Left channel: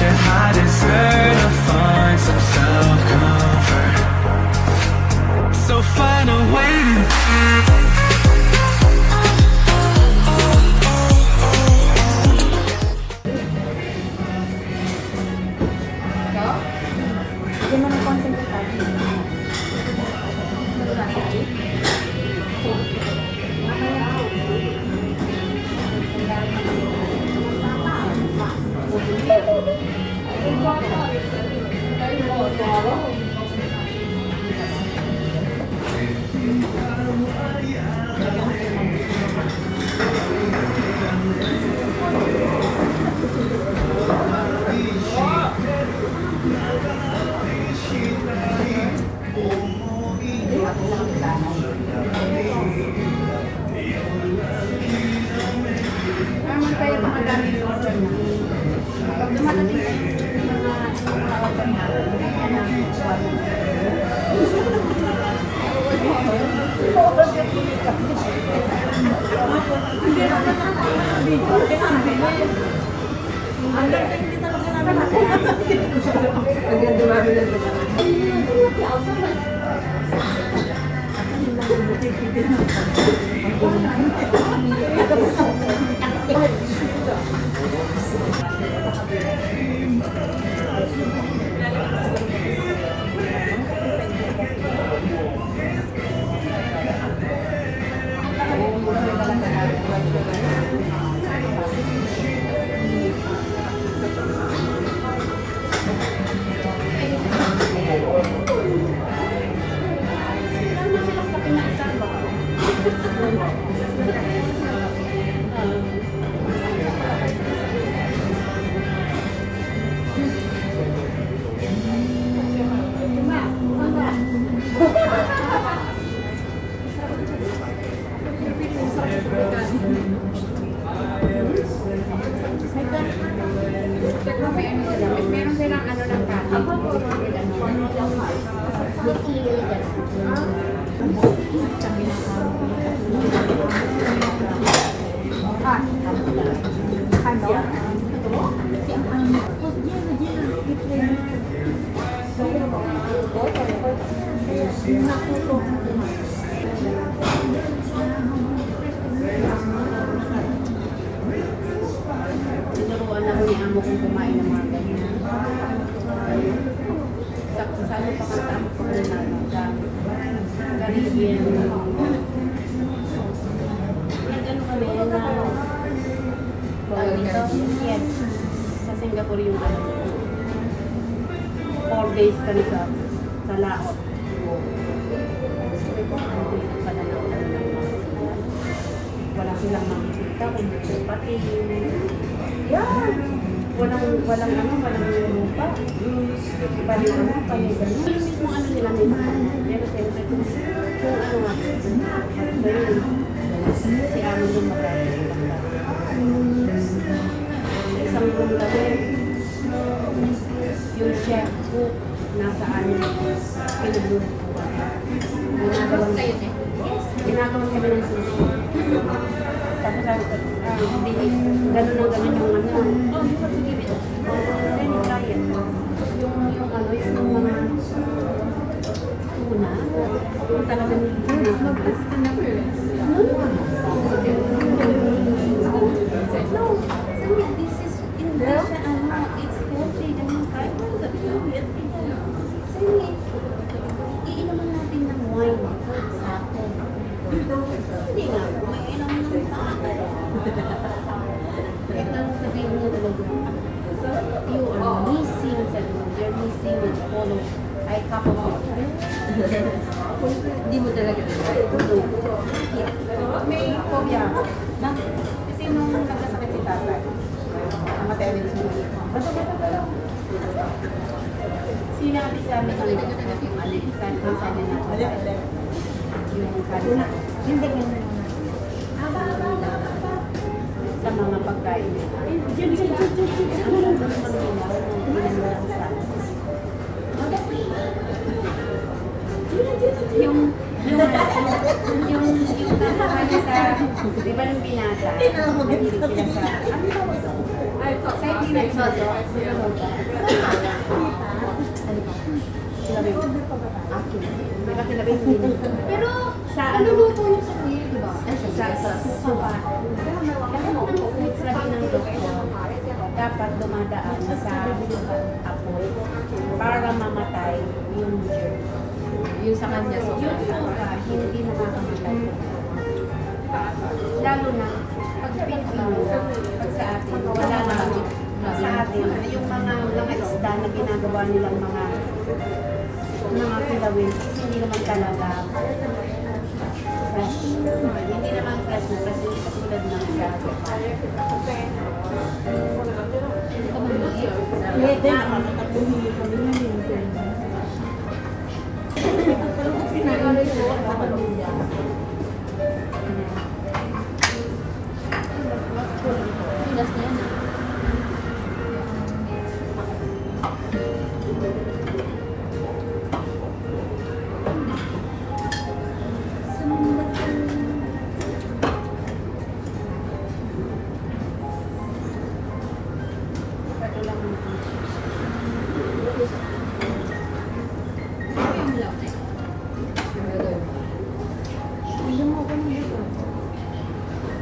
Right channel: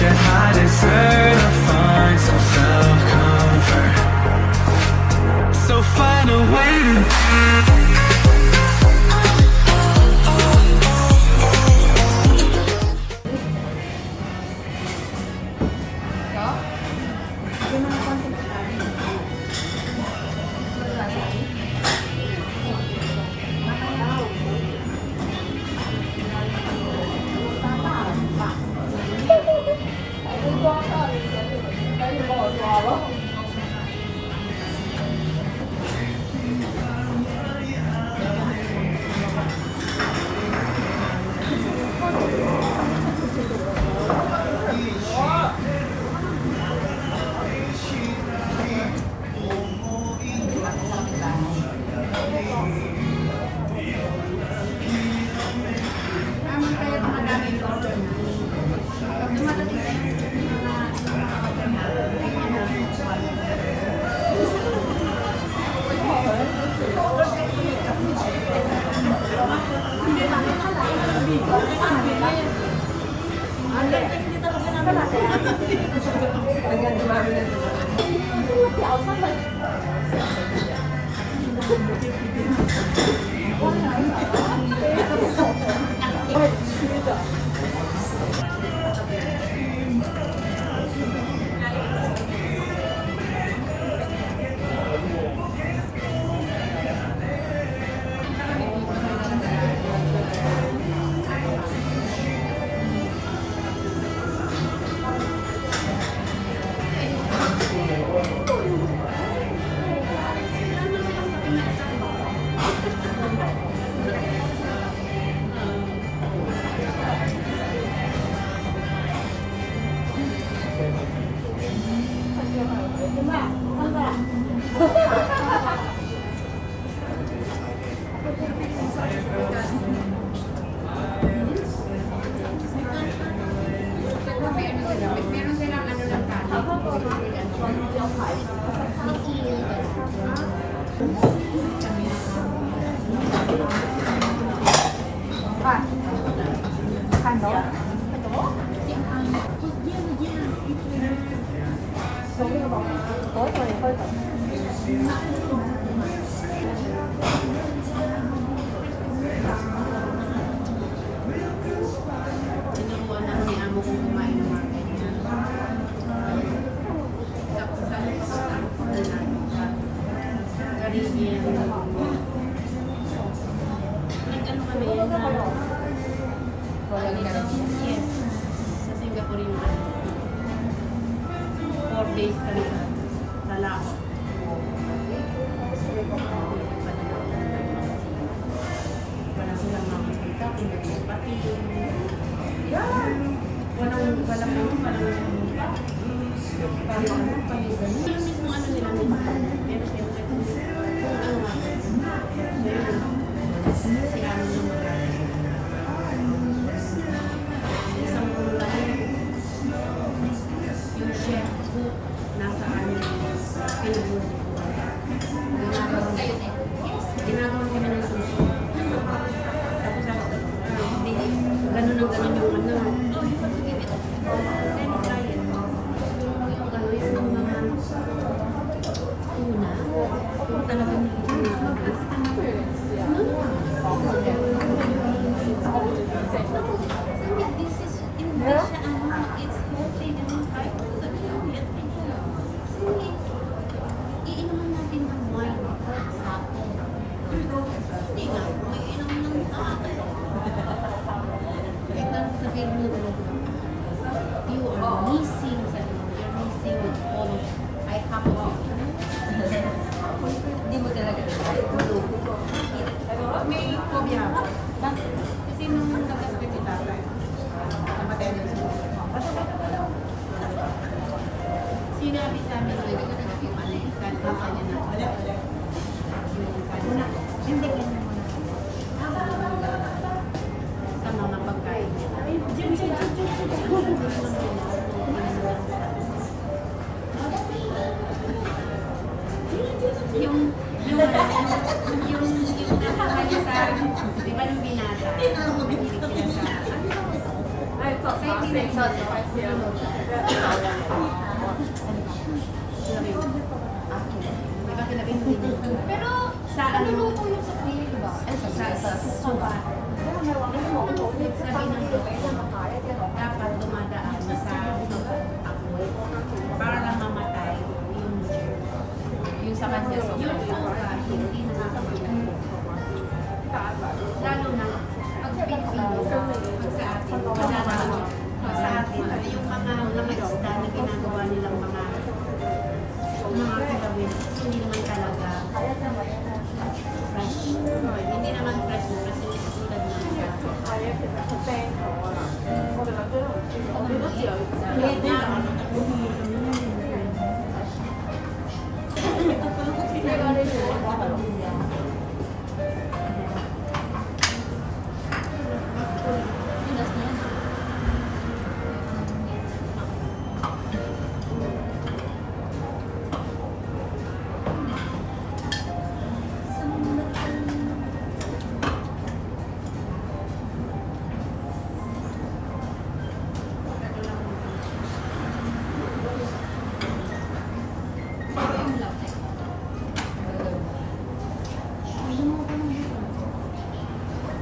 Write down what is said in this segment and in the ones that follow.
your high desert to find some self-comfort. So find a way to Hindi mo ng content sa akin. Naman kayo mga dami yung order na. Pag dumarating kayo yung mga order na, bigyan namin hindi naman ako ang video. Ang bilhin. Ang ganda hindi talaga namin ako. Ang ganda namin ang meron silang ano ng kati. Tinuruan ako ni amo kong kumain ng mga ganyan. Tapos ano pa kasi ako pagkakano Caribbean. Nag-ano kami na dito? Yes. Sa Singapore yung ano. 4 days kami sa Laos. Wala silang makikita kung pati. Yeah! Walang lupa. Pali gano'n. Yung mismo ano nila nila. Pero siyempre kung ano nga. Sa'yo si amo yung magagawa. Isang room kasi yung chef cook nasa amin. Pinaglutuan. Ginagawang kami ng sushi. Tapos gano'n yung ano. Oh, you want to give it. Let me try it. Yung ano, yung mga tuna. Yung talaga nililinakas. No. This is Indonesia. It's healthy. Ganun kahit na healthy. Sabi, iinuman natin ng wine sa akin. Hindi nga, may inom ng tayo. Ito sabihin mo talaga, you are missing, you're missing with all of, I have a hindi mo talaga. May phobia. Kasi nung nagkasakit si tatay, namatay din sa mga. Bata. Sinabi sa amin ng kansa niya na yung kansa. Hindi ka na muna. Sa mga pagkain niya. Ang ganda ng mga ilaw nung ginano ng kansa. Yung nasa niya sa, di ba nung binata, nahilig sila sa, ano ba? Excited hindi nagsoso. Sila rin. Di ba sila rin din? Pero sa ano? Sa sopa. Sabi ng doktor, dapat dumadaan sa apoy para mamatay yung germ. Yun sa kanya. Yung sopa, hindi nakakamatay. Lalo na, pag Pilipino, pag sa atin, wala naman. Sa atin, yung mga isda na ginagawa nilang mga kilawin, hindi naman talaga fresh. Hindi naman fresh na kasi hindi katulad ng sa sopa. Pwede, nakakatapuhin kami na rin. Ito pala kung pinakaroon ko sa pamilya. Last na yun. Bigyan mo ako ng buto.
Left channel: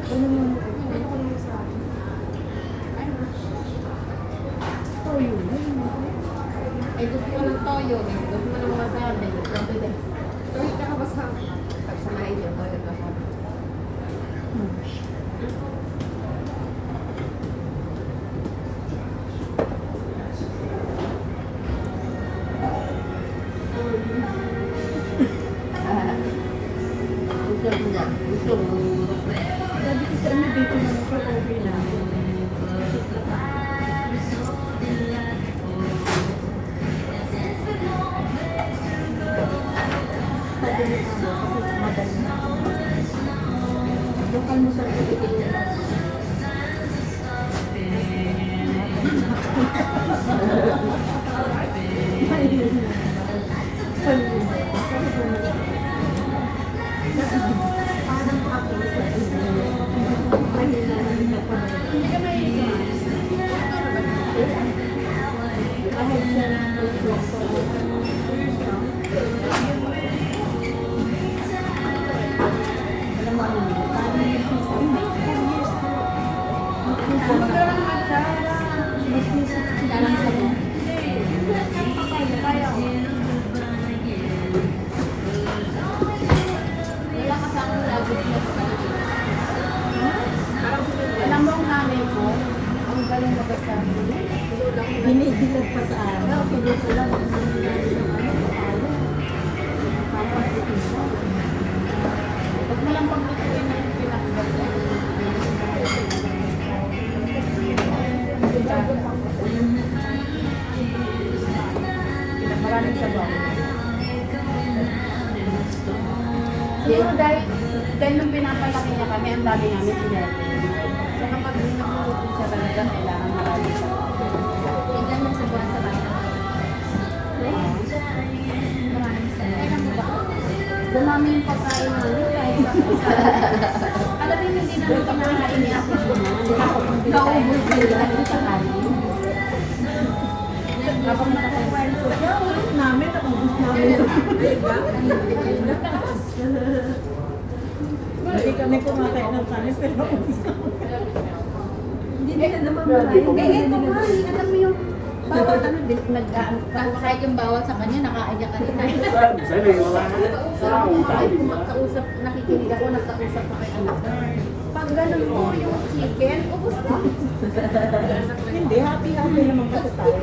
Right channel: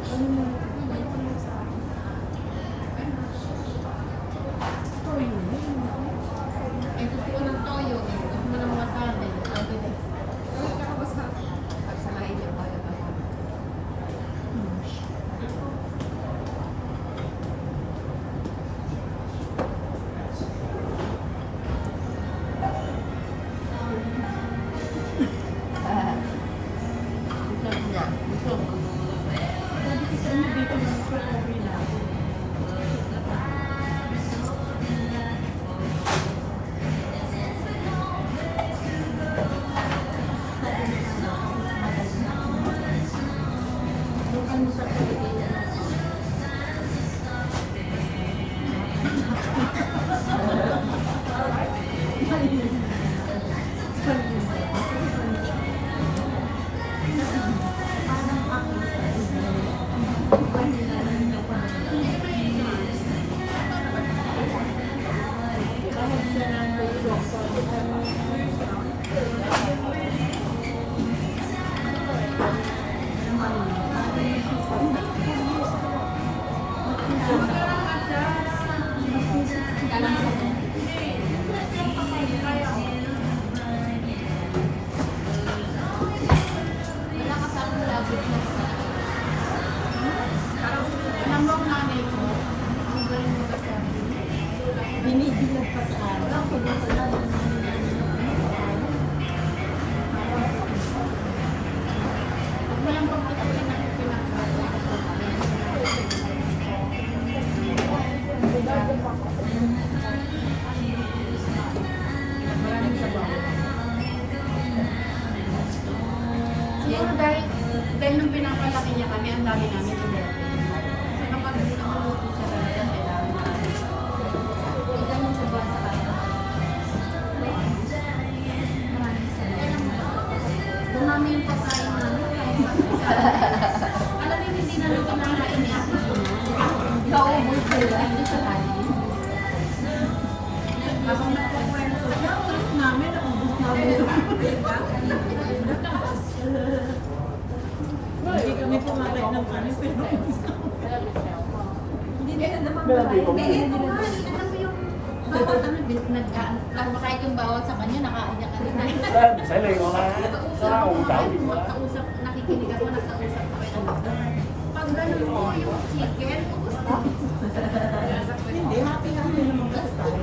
Ano mo? Ano ko lang sa akin? Toyo. Ay, gusto ko ng toyo, gusto ko ng wasabi. Okay, then. Kahit nakabasa. Pagsamahin niyo pa rin ako. Sabi ko sa inyo, dito naman ako, okay na ako. Sabi mo kasi madali na. Yung almusal ko dito yung parang ako sa inyo. May nilalang ako na. Hindi ka mahilig ka. Kahit siya lang nag-vlog ko. Alam mo ano yun? Paano yung system? Magkala naman siya. Dalang sa mo. Wala kasi ako lagi na sa Alam mo ang nanay ko, ang galing magkasabi. Binidilag pa sa araw. Pinutulan. Pag mo lang paglutuin ng pinakaganda. Maraming sabaw. Siguro dahil nung pinapalaki niya kami, ang dami namin sinerti. So kapag nagluluto siya talaga, kailangan maraming sabaw. Ilan yung sa buwan sa bayan? Maraming salamat. Dumami yung pagkain namin kahit sa isa. Alam mo, hindi namin kinakain ni Ate Gina. Naubos ko lang sa kanin. Habang nakakwento siya, Ulit namin, naubos namin yung Hindi kami kumakain ng kanin, pero naubos namin. Hindi nila naman marahin. eto nga, alam mo yung bawat ano, nag-aan ka. Kahit yung bawat sa kanya, nakaayak ka rin. Kausap, nakikinig ako, nagkausap ko kay anak. Pag ganun mo yung chicken, ubos na. Hindi, happy-happy naman kasi tayo.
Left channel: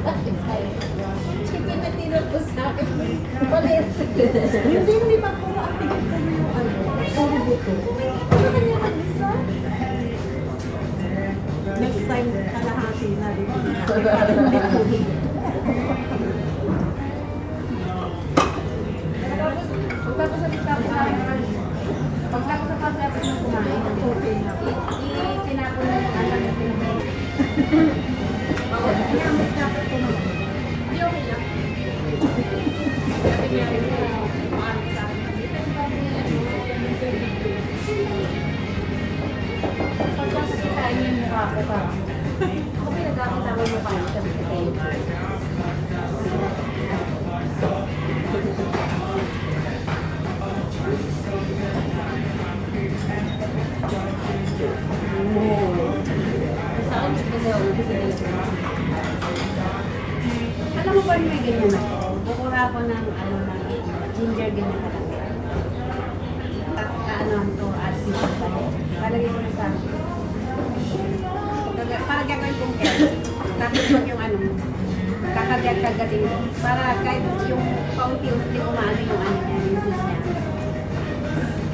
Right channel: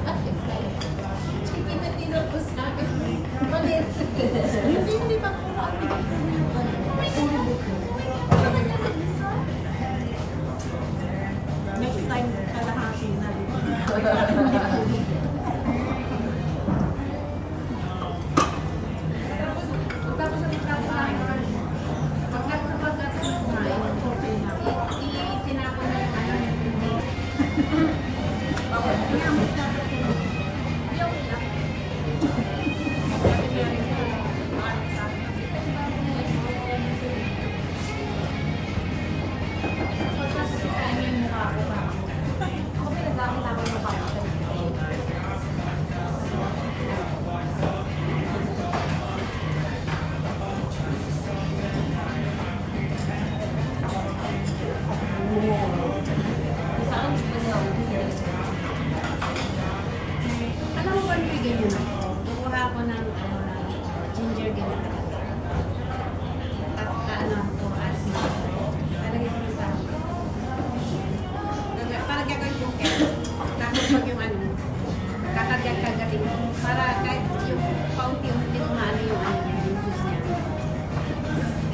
Chicken na tinapos sa akin. Malit. Hindi ba puro activate ko yung ano? Puro buto. Next time, kalahati na rin. Para hindi puro buto. Pagtapos sa pagkatapos ng kumain, Okay na. itinapon na yung ano na pinag Kaya may dapat ko naman. Pagkakasitaan niyo yung mukha ko parang. Ako pinagkakatawa Habang mo kayo, sabi ko sa'yo. Alam mo ba may ganyan ako? Bukuha ako ng ano ng ginger ganyan kalaki. At ano to at siya pa. Lalagay ko na sa para gagawin kong kaya. Tapos wag yung ano kakagad-kagaling para kahit yung paunti-unti umaano yung ano niya, yung juice niya.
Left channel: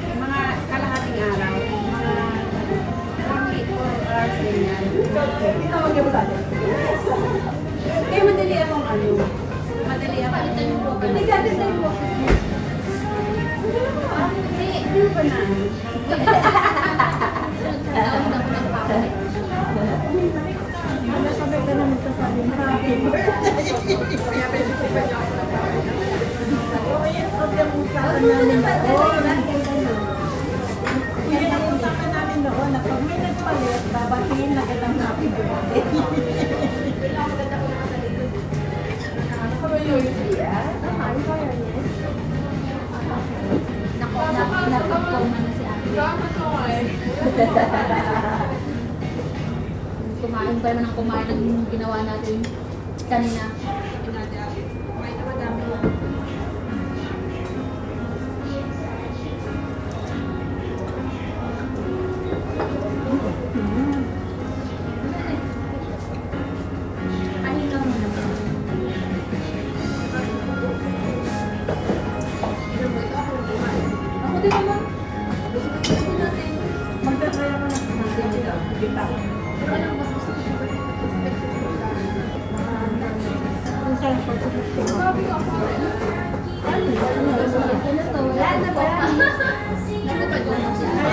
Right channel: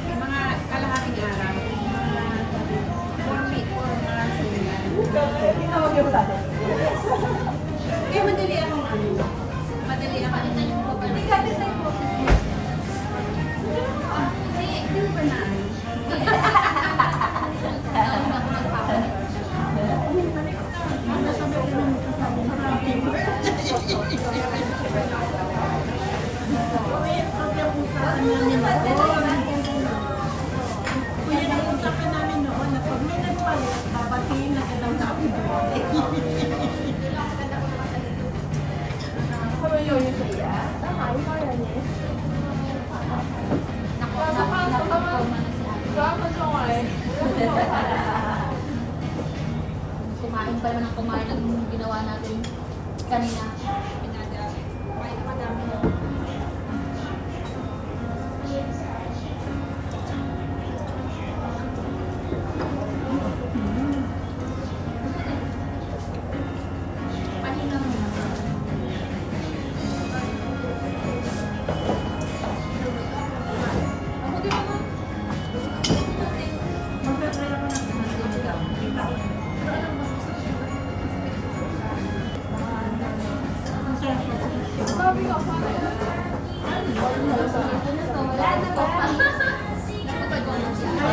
Yung mga kalahating araw, mga 4 hours din yan. Kaya madali akong ano, madali akong Hindi mo ba na ano? Sabay ka na magsasabi ng happy birthday. Okay, ang usapan namin doon. Yan ang usapan namin doon na pag may nagpalit, babatiin na agad ang happy birthday. Kumain pa naman ang kumain ng ginawa natin kanina. Ako din naman. Magtatry ako ng kita. Kung saan po sa kaya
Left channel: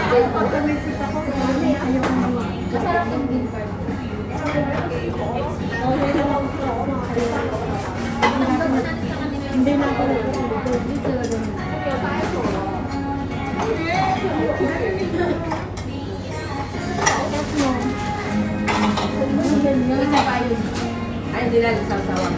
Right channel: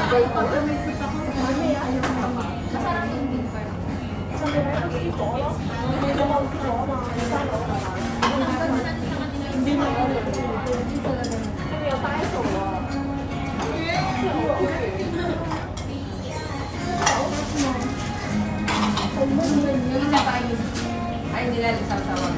ako pag kamisit ako, ayaw ko na mag-gawin. Okay lang ako sa hindi na ako nagpapalito. Ay, hindi lang isasawang.